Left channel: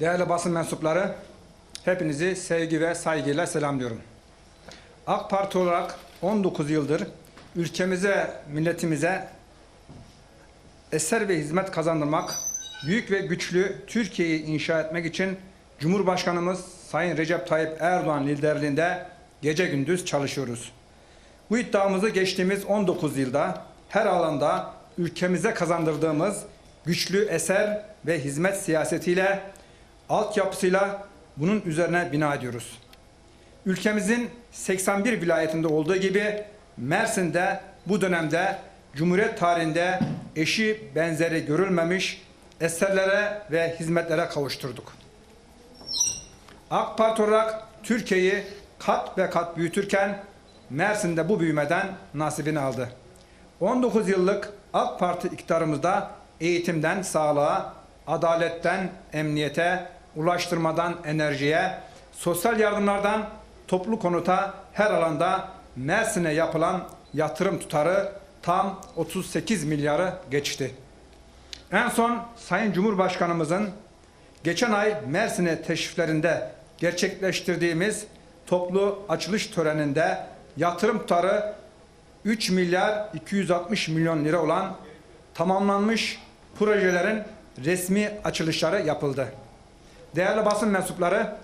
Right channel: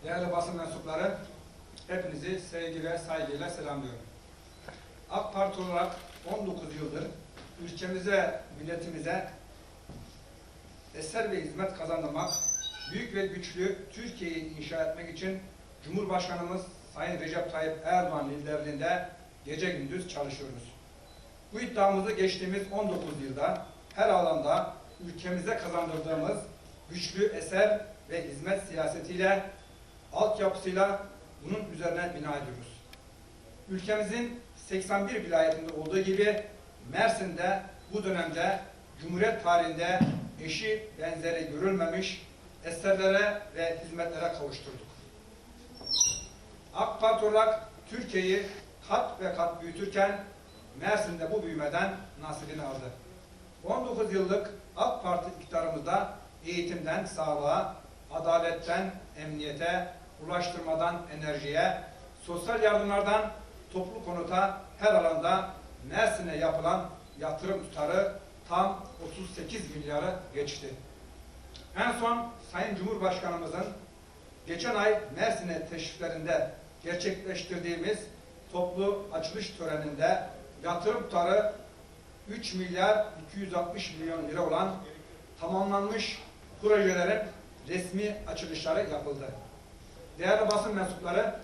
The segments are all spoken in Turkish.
Değerli basın mensupları, hepinizi sevgi ve saygıyla selamlıyorum. AK Parti olarak 19 yıldır ülkemize, milletimize eser ve hizmet kazandırmak, büyük ve güçlü Türkiye'yi inşa etmek için Cumhurbaşkanımız Sayın Recep Tayyip Erdoğan liderliğinde gece gündüz çalışıyoruz. Bu iddiamızı geçtiğimiz 19 yılda her alanda ülkemize kazandırdığımız güçlü eser ve hizmet siyasetiyle, altyapısıyla bunun üzerine bina ediyoruz. Ülkemizin 81 vilayetinde olduğu gibi Mersin'de bu dönemde Cumhuriyet tarihinde eşi benzeri görülmemiş eserlere ve hizmetlere kavuşturduk. AK Parti olarak Türkiye'yi kat ve kat büyütürken Mersin'de bu büyümeden nasibini aldı. 19 yıllık AK Parti iktidarımızda eğitimden sağlığa, adaletten emniyete, ulaştırmadan enerjiye, sosyal yardımlardan toplu konuta her alanda Mersin'e yapılan yatırım tutarı tam 38 milyarı geçti. En son Sayın Cumhurbaşkanımızın geçen ay Mersin'e teşriflerinde gerçekleştirdiğimiz toplu açılış töreninde yatırım tutarı 3 milyar 260 milyon lira olan tamamlanmış projelerin resmi açılışları yapıldı. Değerli basın mensupları,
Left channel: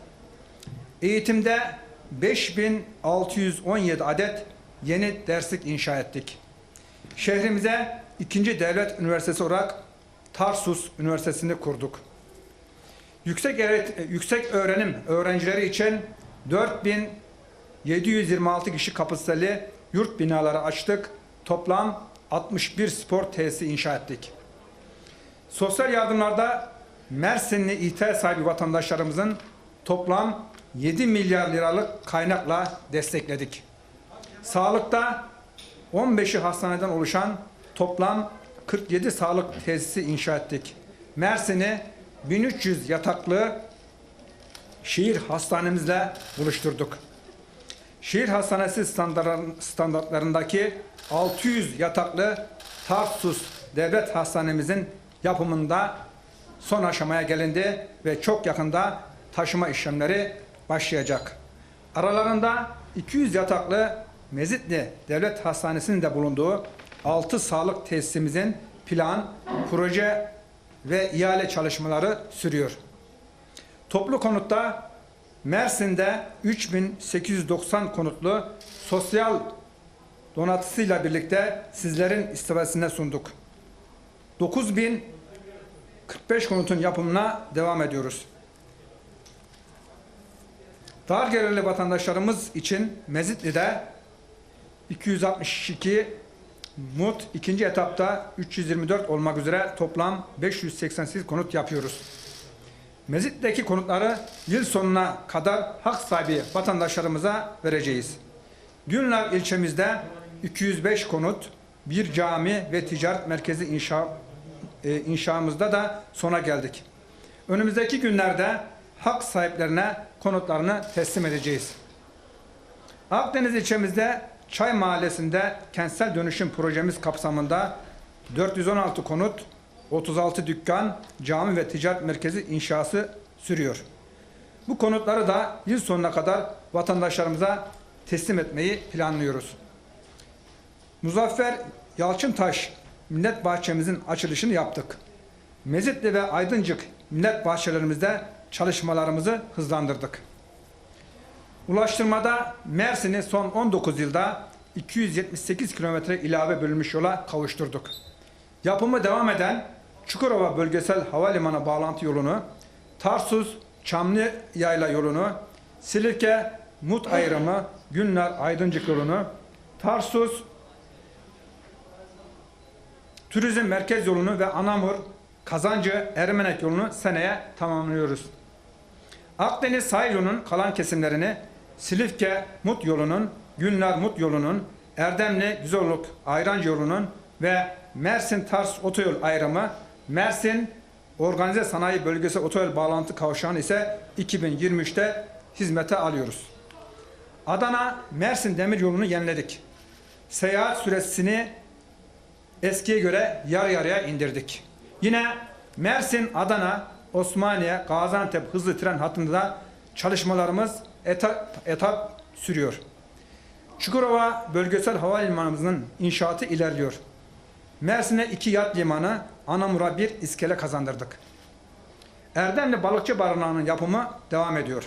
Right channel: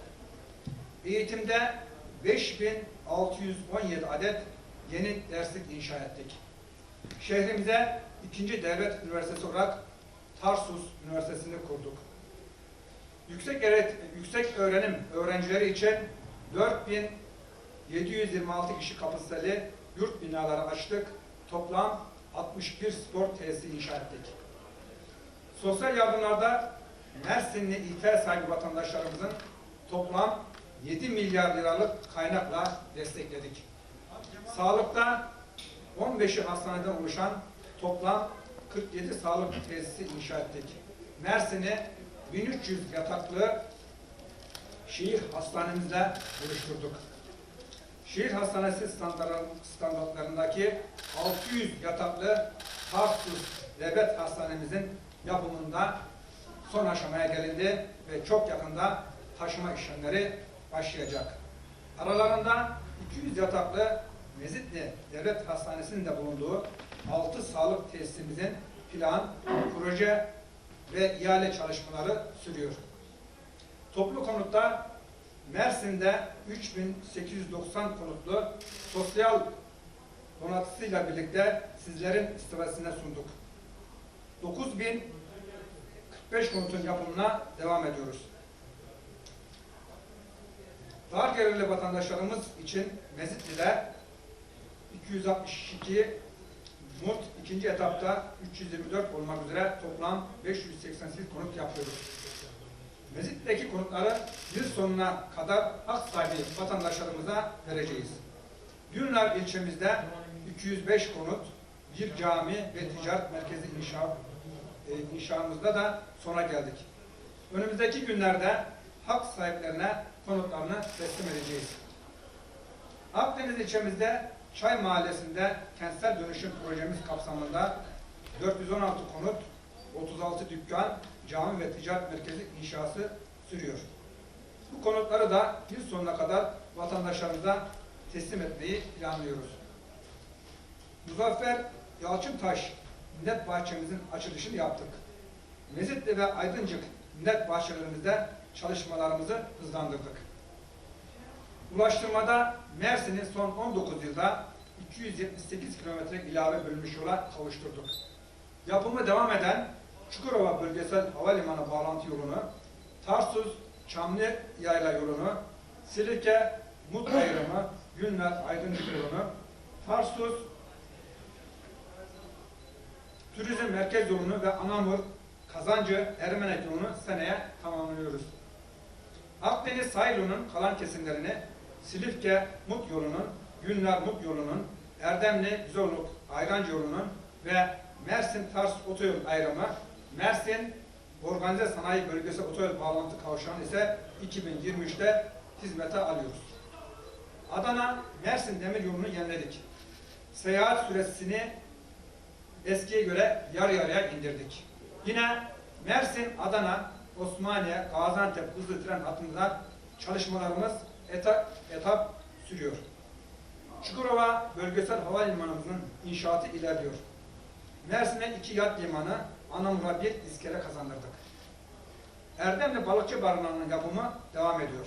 eğitimde 5617 adet yeni derslik inşa ettik. Şehrimize ikinci devlet üniversitesi olarak Tarsus Üniversitesi'ni kurduk. Yüksek, yüksek öğrenim öğrencileri için 4726 kişi kapasiteli yurt binaları açtık. Toplam 61 spor tesisi inşa ettik. Sosyal yardımlarda Mersinli ihtiyaç sahibi vatandaşlarımızın toplam 7 milyar liralık kaynakla destekledik. Sağlıkta 15'i hastaneden oluşan toplam 47 sağlık tesisi inşa ettik. Mersin'i 1300 yataklı şehir hastanemizle buluşturduk. Şehir hastanesi standartların- standartlarındaki 600 yataklı Tarsus Devlet Hastanemizin yapımında son aşamaya gelindi ve çok yakında taşıma işlemleri başlayacak. Aralarında 200 yataklı Mezitli Devlet Hastanesi'nin de bulunduğu 6 sağlık tesisimizin plan, proje ve ihale çalışmaları sürüyor. Toplu konutta Mersin'de 3890 konutlu sosyal donatısıyla birlikte sizlerin istifadesine sunduk. 9045 konutun yapımına devam ediyoruz. Dar gelirli vatandaşlarımız için Mezitli'de 262 MUT ikinci etapta 324 olmak üzere toplam 588 konut yapıyoruz. Mezit'teki konutları yıl sonuna kadar hak sahibi vatandaşlarımıza vereceğiz. Günler ilçemizde 205 konut, bir cami ve ticaret merkezi inşa, e, inşamızda da sona geldik. Önümüzdeki günlerde hak sahiplerine konutlarını teslim edeceğiz. Akdeniz ilçemizde Çay Mahallesi'nde kentsel dönüşüm projemiz kapsamında 416 konut, 36 dükkan, cami ve ticaret merkezi inşası sürüyor. Bu konutları da yıl sonuna kadar vatandaşlarımıza teslim etmeyi planlıyoruz. Muzaffer Yalçıntaş Millet Bahçemizin açılışını yaptık. Mezitli ve Aydıncık Millet Bahçelerimizde çalışmalarımızı hızlandırdık. Ulaştırmada Mersin'i son 19 yılda 278 kilometre ilave bölünmüş yola kavuşturduk. Yapımı devam eden Çukurova Bölgesel Havalimanı bağlantı yolunu, Tarsus Çamlı Yayla yolunu, Silifke Mut ayrımı, Günler Aydıncık yolunu, Tarsus Turizm Merkez yolunu ve Anamur Kazancı Ermenek yolunu seneye tamamlıyoruz. Akdeniz sahil yolunun kalan kesimlerini Silifke Mut yolunun, Günler Mut yolunun, Erdemli Güzoluk Ayrancı yolunun ve Mersin Tars Otoyol ayrımı, Mersin Organize Sanayi Bölgesi Otoyol bağlantı kavşağını ise 2023'te hizmete alıyoruz. Adana Mersin Demir yolunu yeniledik. Seyahat süresini eskiye göre yarı yarıya indirdik. Yine Mersin Adana Osmaniye, Gaziantep hızlı tren hattında çalışmalarımız etap, etap sürüyor. Çukurova Bölgesel Havalimanımızın inşaatı ilerliyor. Mersin'e iki yat limanı, Anamur'a bir iskele kazandırdık. Erdemli Balıkçı Barınağı'nın yapımı devam ediyor.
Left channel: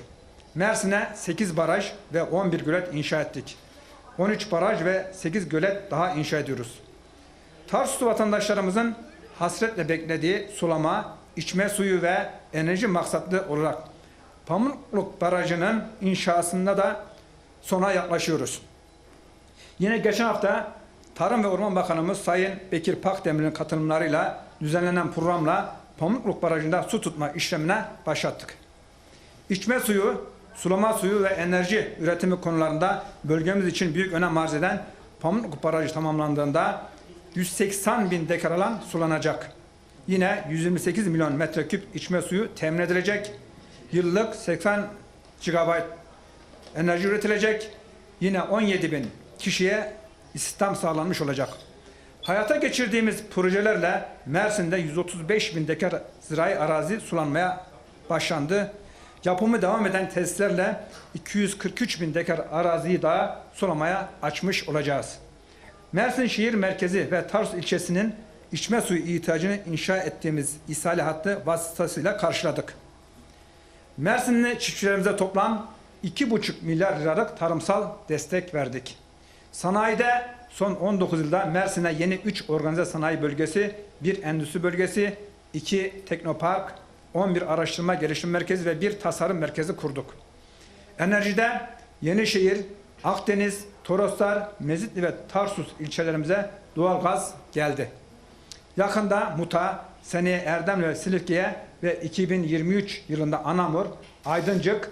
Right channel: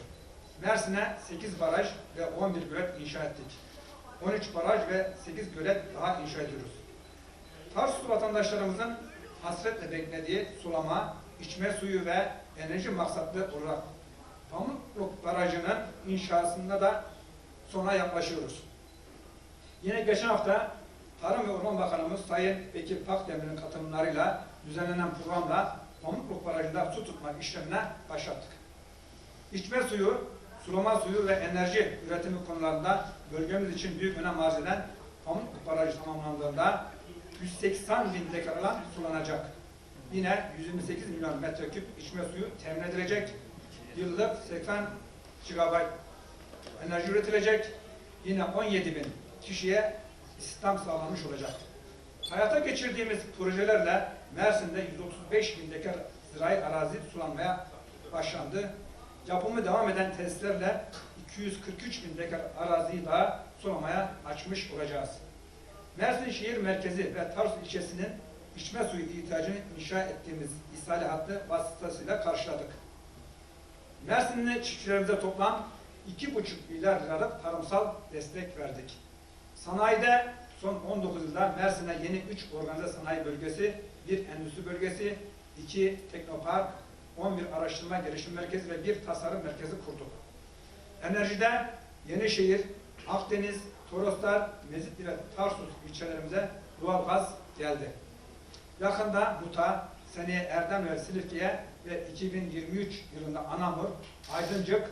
Mersin'e 8 baraj ve 11 gölet inşa ettik. 13 baraj ve 8 gölet daha inşa ediyoruz. Tarsuslu vatandaşlarımızın hasretle beklediği sulama, içme suyu ve enerji maksatlı olarak Pamukluk Barajı'nın inşasında da sona yaklaşıyoruz. Yine geçen hafta Tarım ve Orman Bakanımız Sayın Bekir Pakdemir'in katılımlarıyla düzenlenen programla Pamukluk Barajı'nda su tutma işlemine başlattık. İçme suyu, sulama suyu ve enerji üretimi konularında bölgemiz için büyük önem arz eden Pamukluk Barajı tamamlandığında 180 bin dekar alan sulanacak. Yine 128 milyon metreküp içme suyu temin edilecek. Yıllık 80 GB enerji üretilecek. Yine 17 bin kişiye istihdam sağlanmış olacak. Hayata geçirdiğimiz projelerle Mersin'de 135 bin dekar zirai arazi sulanmaya başlandı. Yapımı devam eden tesislerle 243 bin dekar araziyi daha sulamaya açmış olacağız. Mersin şehir merkezi ve Tarsus ilçesinin içme suyu ihtiyacını inşa ettiğimiz ishali hattı vasıtasıyla karşıladık. Mersinli çiftçilerimize toplam 2,5 milyar liralık tarımsal destek verdik. Sanayide son 19 yılda Mersin'e yeni 3 organize sanayi bölgesi, 1 endüstri bölgesi, 2 teknopark, 11 araştırma gelişim merkezi ve 1 tasarım merkezi kurduk. Enerjide Yenişehir, Akdeniz, Toroslar, Mezitli ve Tarsus ilçelerimize doğalgaz geldi. Yakında Muta, seneye Erdemli ve Silifke'ye ve 2023 yılında Anamur, Aydıncık,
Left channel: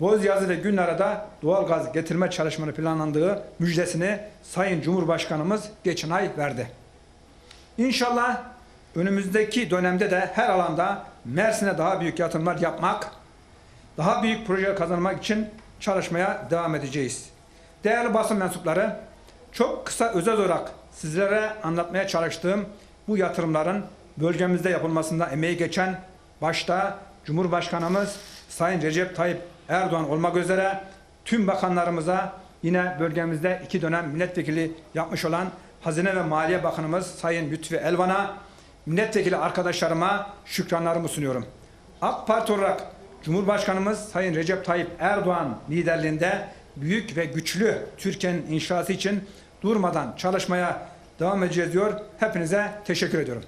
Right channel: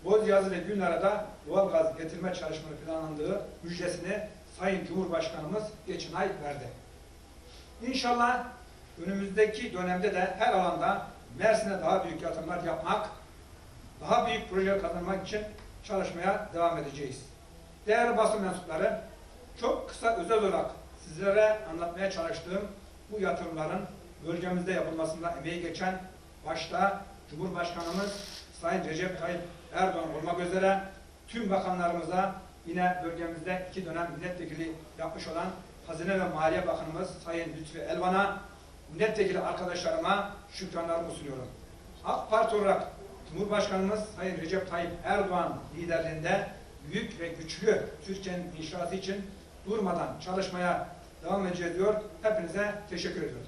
Bozyazı ve Günlar'a doğalgaz getirme çalışmaları planlandığı müjdesini Sayın Cumhurbaşkanımız geçen ay verdi. İnşallah önümüzdeki dönemde de her alanda Mersin'e daha büyük yatırımlar yapmak, daha büyük projeler kazanmak için çalışmaya devam edeceğiz. Değerli basın mensupları, çok kısa özel olarak sizlere anlatmaya çalıştığım bu yatırımların bölgemizde yapılmasında emeği geçen başta Cumhurbaşkanımız Sayın Recep Tayyip Erdoğan olmak üzere tüm bakanlarımıza yine bölgemizde iki dönem milletvekili yapmış olan Hazine ve Maliye Bakanımız Sayın Lütfi Elvan'a, milletvekili arkadaşlarıma şükranlarımı sunuyorum. AK Parti olarak Cumhurbaşkanımız Sayın Recep Tayyip Erdoğan liderliğinde büyük ve güçlü Türkiye'nin inşası için durmadan çalışmaya devam edeceğiz diyor. Hepinize teşekkür ediyorum.